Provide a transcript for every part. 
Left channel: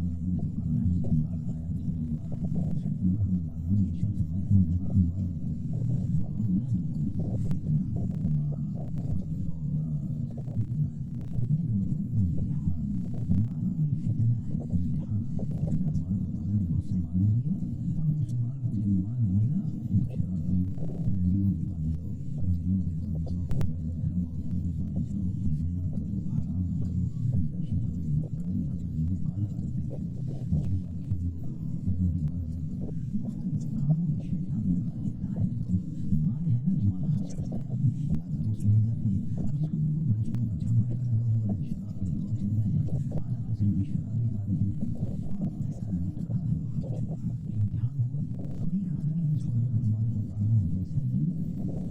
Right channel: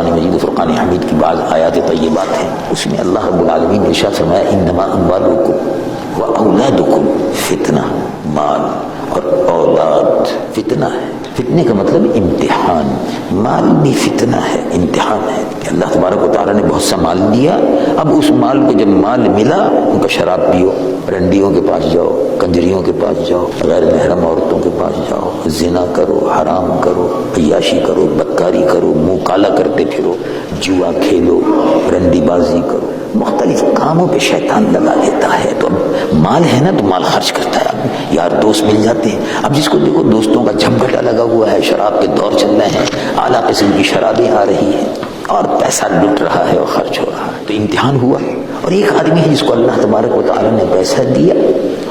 قرآن مجید فرقان حمید کی بعض آیات طیبات ہیں، اس میں اللہ رب العالمین نے ارشاد فرمایا انما اموالکم و اولادکم فتنہ، مال اور اولاد فتنہ ہے۔ فتنے کا مطلب امتحان، مال بھی فتنہ ہے، امتحان ہے کہ اللہ تبارک و تعالیٰ نے بہت سا مال دیا، اب اس مال کو جب مال ملا ان کا شراب پیو، رنڈیوں کے پاس جاؤ، کنجریوں کے پاس جاؤ، غیر محرم عورتوں کے پاس جاؤ، زنا کرو، حرام کرو، عیاشی کرو، بدکاری کرو، منہ کالا کرتے پھرو، جوا کھیلو، رنڈی بازی کرو، مختلف کاموں پہ شیطان لگا دیتا ہے۔ تو اب مال ہے نا تو مال خرچ کرتا ہے، یار دوست مل جاتے ہیں، اب جس کو دیکھو دوستوں کا جھمگھٹا لگا ہوا ہے، شراب کے دور چل رہے ہیں، اعلیٰ قسم کی شرابیں آ رہی ہیں اور پیسہ لٹ رہا ہے اور خرچ ہو رہا ہے، تو امتحان ہوا۔ اور ایک آدمی ہے جس کو اللہ تبارک و تعالیٰ نے پیسہ دیا،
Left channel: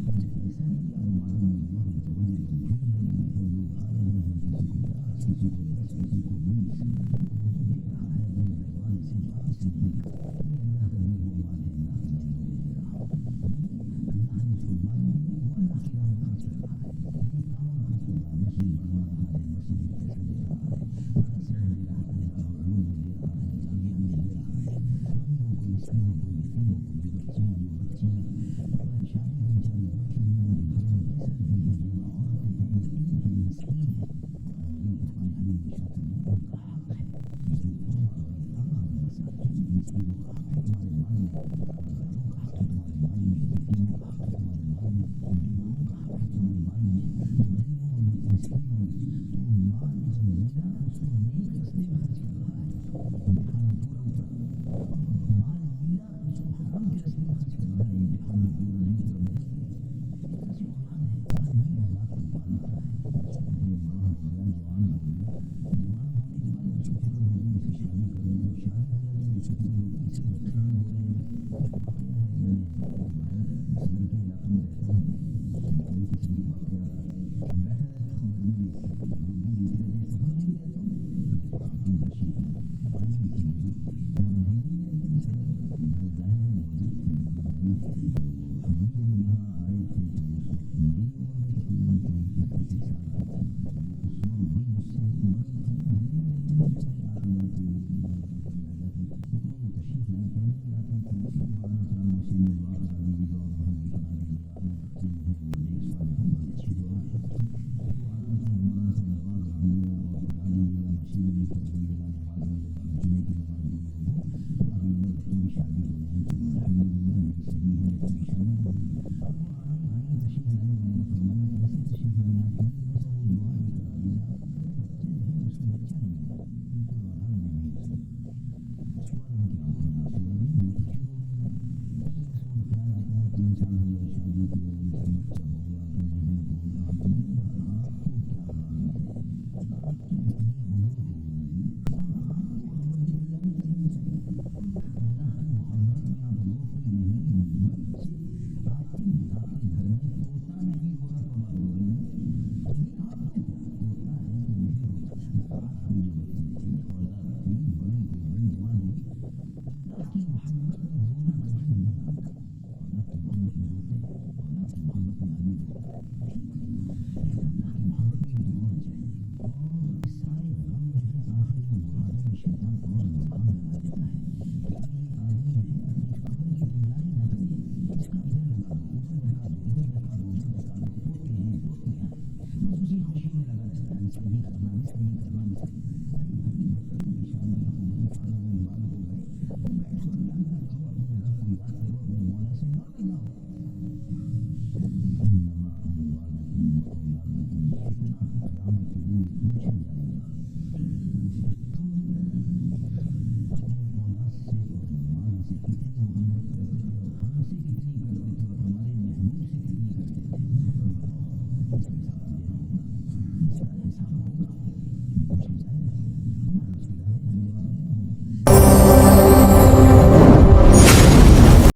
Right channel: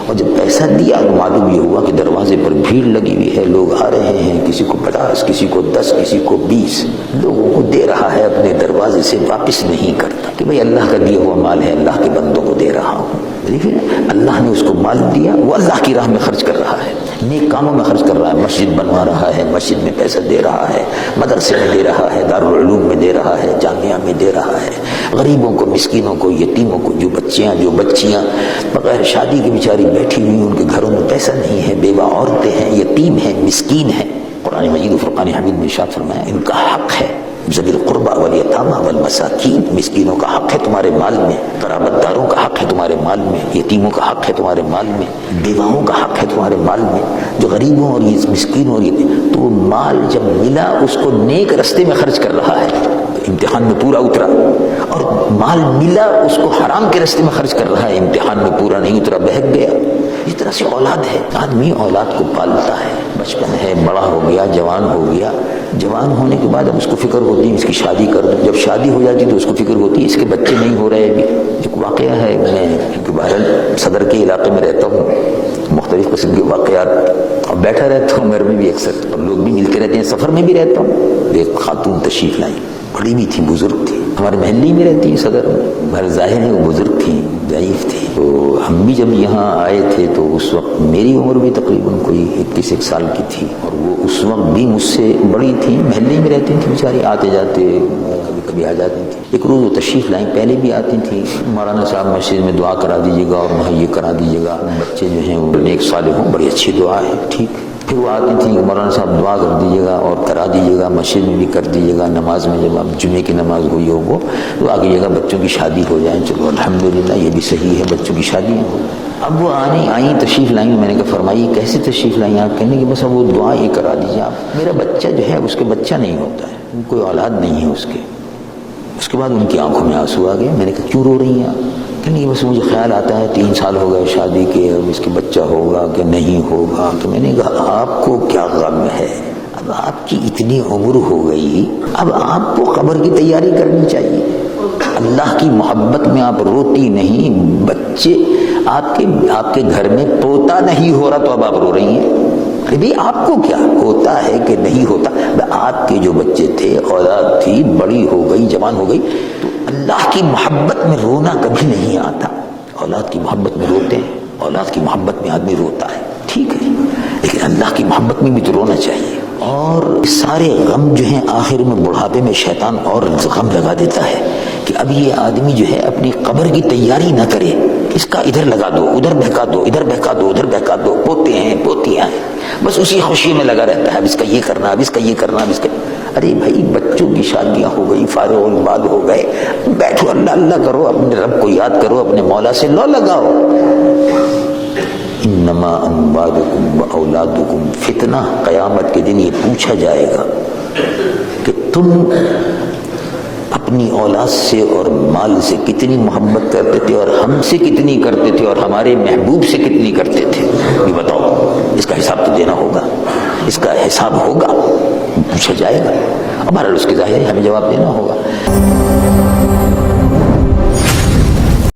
اور جب پیسہ دیا تو معلوم یہ ہوا کہ دروازے پر بھیڑ لگی ہوئی ہے، لوگ آ رہے ہیں، کسی کو 50، کسی کو 10، کسی کو 20 لوگوں کو دے رہا ہے، اپنے دروازے سے واپس نہیں کرتا کہ بھئی اللہ کا دیا ہوا مال ہے، اللہ کے بندوں کو دے رہا ہوں۔ دیکھیں اللہ نے اس کو مال دیا، وہ اللہ کی راہ میں خرچ کر رہا ہے، نیک کاموں میں خرچ کر رہا ہے، مسجد بنوا رہا ہے، مسجد میں پیسہ دے رہا ہے، مدرسے میں دے رہا ہے، دارالعلوم میں دے رہا ہے، جامعہ میں دے رہا ہے، غریبوں کو، مسکینوں کو، یتیموں کو، جو بچیاں بغیر شادی کی بیچاری بیٹھی ہوئی، ان کے گھروں میں پیسہ نہیں ہے، بیوہ عورتیں ہیں، یتیم ہیں، مسکین ہیں، قرآن مجید و فرقان حمید میں ارشاد فرمایا ان کا حق ہے، ذوی القربى والیتامى والمساکین، مسکینوں کا حق ہے تمہارے مال میں، قرابت داروں کا حق ہے تمہارے مال میں، یتیموں کا حق ہے تمہارے مال میں، بیواؤں کا حق ہے تمہارے مال میں، جو غریبوں اور مسکینوں اور تو وہ مال جب ملا اس کو نیک رستے میں خرچ کر رہا ہے، امتحان میں پورا اترا، اور مال ملا اس کو حرام کے رستے میں خرچ کر رہا ہے، امتحان میں پورا نہیں اترا، بہک گیا۔ اس طرح سے اولاد ہے، آدمی اولاد کو پالتا ہے، بچپن ہے، بڑا ہو گیا، جوان ہو گیا، جوان ہونے کے بعد اب اس کو فکر ہوتی ہے اس کی شادی کر دوں، جب شادی ہو جاتی تو اس کو فکر ہوتی ہے اس کے بچے نہیں ہو رہے ابھی۔ ایک واقعہ ہے، میں کیونکہ بہرحال صدر کے علاقے میں رہتا ہوں، مختلف قسم کے واقعات اور بیٹھا رہتا ہوں، گھر میں بھی اکثر اور لوگ بھی ملتے رہتے ہیں، سفر میں بھی رہتا ہوں۔ ایک خاتون تشریف لائی، بڑی بھی تھی، بزرگ تھی، ہمارے محلے میں رہتی ہیں صدر میں، بہر ظاہر ہے وہ بزرگ تھی، ضعیف تھی۔ تو ہم بھی جب یہاں آئے تھے تو اس وقت میری عمر بھی تقریباً کوئی 21 سال کی تھی، اور وہ اس وقت بھی مجھ سے بڑی تھی، محلے میں رہتی تھیں بیچاری، آتے جاتے کبھی کبھی آ جاتی تھیں۔ ایک روز وہ تشریف لائیں، پہلے بھی آتی تھیں، مولانا صاحب مسجد میں دعا کرا دیجیے گا اور مہیا کرا دیجیے گا، بچے جو ہیں وہ نیک صالح ہوں، بڑی اچھی دعا ہے، ٹھیک۔ پھر وہ آتی تھیں کہ مولانا صاحب دعا کر دیجیے گا اور کرا دیجیے گا، مسجد میں بھی کر دیجیے گا، نماز میں جب آپ جمعے کی نماز ہوئی ہو وہ دعا کیجیے گا بچوں کی شادی ہو جائیں، چلو الحمدللہ یہ بھی صحیح ہے، بچوں کی شادی ہو۔ اب وہ آئیں تشریف لائیں، میں نے کہا فرمائیے کیسے تشریف لائیں آپ؟ کہنے کہ بس اب وہ دعا یہ کرا دیجیے آپ، میرا بچہ جو ہے اس کے بچہ نہیں ہوتا ہے، کوئی اولاد نہیں ہے اس کے۔ اس کے بعد ان کی آنکھوں میں آنسو آ گئے، میں نے کہا کیوں رو رہی ہیں آپ؟ کہ نہیں بس مجھے خیال آتا ہے 3 سال ہو گئے شادی کے، اب اس کے بچہ ہوگا کہ نہیں ہوگا۔ تو میں نے کہا آپ کو کیا غم ہے؟ اب آپ کی اتنی عمر ہو گئی، اب آپ کو قبر کی تیاری کرنی چاہیے۔ اللہ کی محبت میں آپ روتی نہیں، بچے آپ کے گھر میں پوتا نہیں ہو رہا تو اب آپ رو رہی ہیں۔ ارے بھئی آپ کو کیا ہوتا ہے کہ نہیں ہوتا؟ آپ کے جو بچے تھے، اولاد تھی، بڑی ہو گئی، جوان ہو گئی، تو اللہ کی محبت میں رونا کبھی نہیں آتا۔ اولاد کی محبت میں روتے ہیں، اولاد کی محبت میں آدمی روتا ہے، ٹھیک ہے، لیکن اللہ کی محبت میں بھی تو رونا چاہیے۔ اور سارے غم جو ہیں آخر میں بڑھاپے میں شیطان اور غم لگا دیتا ہے کہ اب یہ آدمی جو ہے اپنی قبر کی تیاری نہ کرے، اس کا ادھر لگا دو، ادھر بہکا دو، ادھر بہکا دو، ادھر بہکا دو، پوتے ہیں پوتیاں ہیں، بس اسی خوشی میں لگا رہتا ہے، اب اس کا یہ کرنا، اب اس کا یہ کرنا، اب اس کا۔ ارے بھائی بچوں کی شادیاں ہو گئی، فارغ البال ہو گئے، بیٹھو اللہ اللہ کرو، اپنے رب کو یاد کرو، اپنے مولا سے لو لگاؤ۔ انما اموالکم واولادکم فتنہ، قیامت کے دن یہ پوچھا جائے گا کہ تم اپنی اولاد سے اور مال سے کتنی محبت کرتے تھے اور ہم سے کتنی کرتے تھے اور ہمارے محبوب سے کتنی کرتے تھے، یہ بتاؤ۔ اس کا حساب تو دینا ہوگا، اس کا حساب ہوگا، پوچھا جائے گا، ہمارا اس کے ظاہر ہے ہمیں جواب دینا ہوگا۔